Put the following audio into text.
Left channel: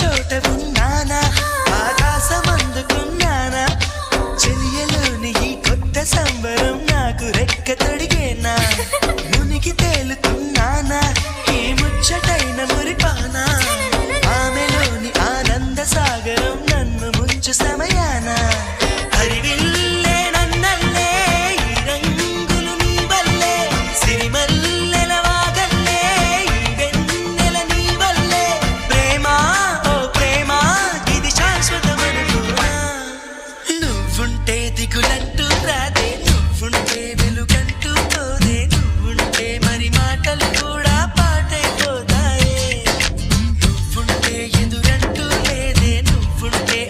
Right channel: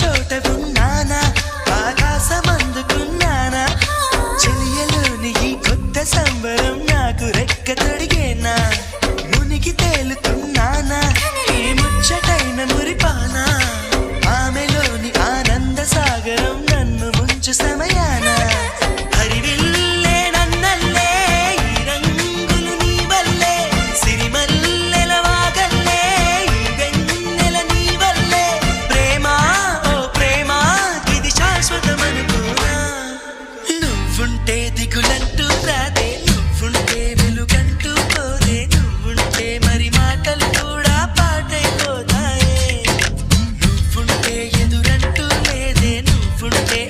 చోట ఉన్నానా ఆకాశమందుకున్నానా చెలియలోని ఈ కొత్త సంబరం నాకు రెక్క తొడిగేనా మునిగి తేలుతున్నానా ఈ ముచ్చటైన మురిపానా ఆమెలోని ఆనంద సాగరం నన్ను ముంచు సమయాన హరివిల్లే నన్నల్లే ఈ రంగులు నీ వల్లే సిరిమల్లెల వాగల్లే ఈ వెన్నెల నీ వల్లే ప్రేమ ఓ ప్రేమ ఇది శాశ్వతమనుకోనా నువ్వుంటే దిగులంటూ రాదే నువ్వుంటే వెలుగంటూ పోదే నువ్వుంటే మరి మాటలు కూడా పాటైపోతాయే నువ్వుంటే ఎదురంటూ లేదే నువ్వుంటే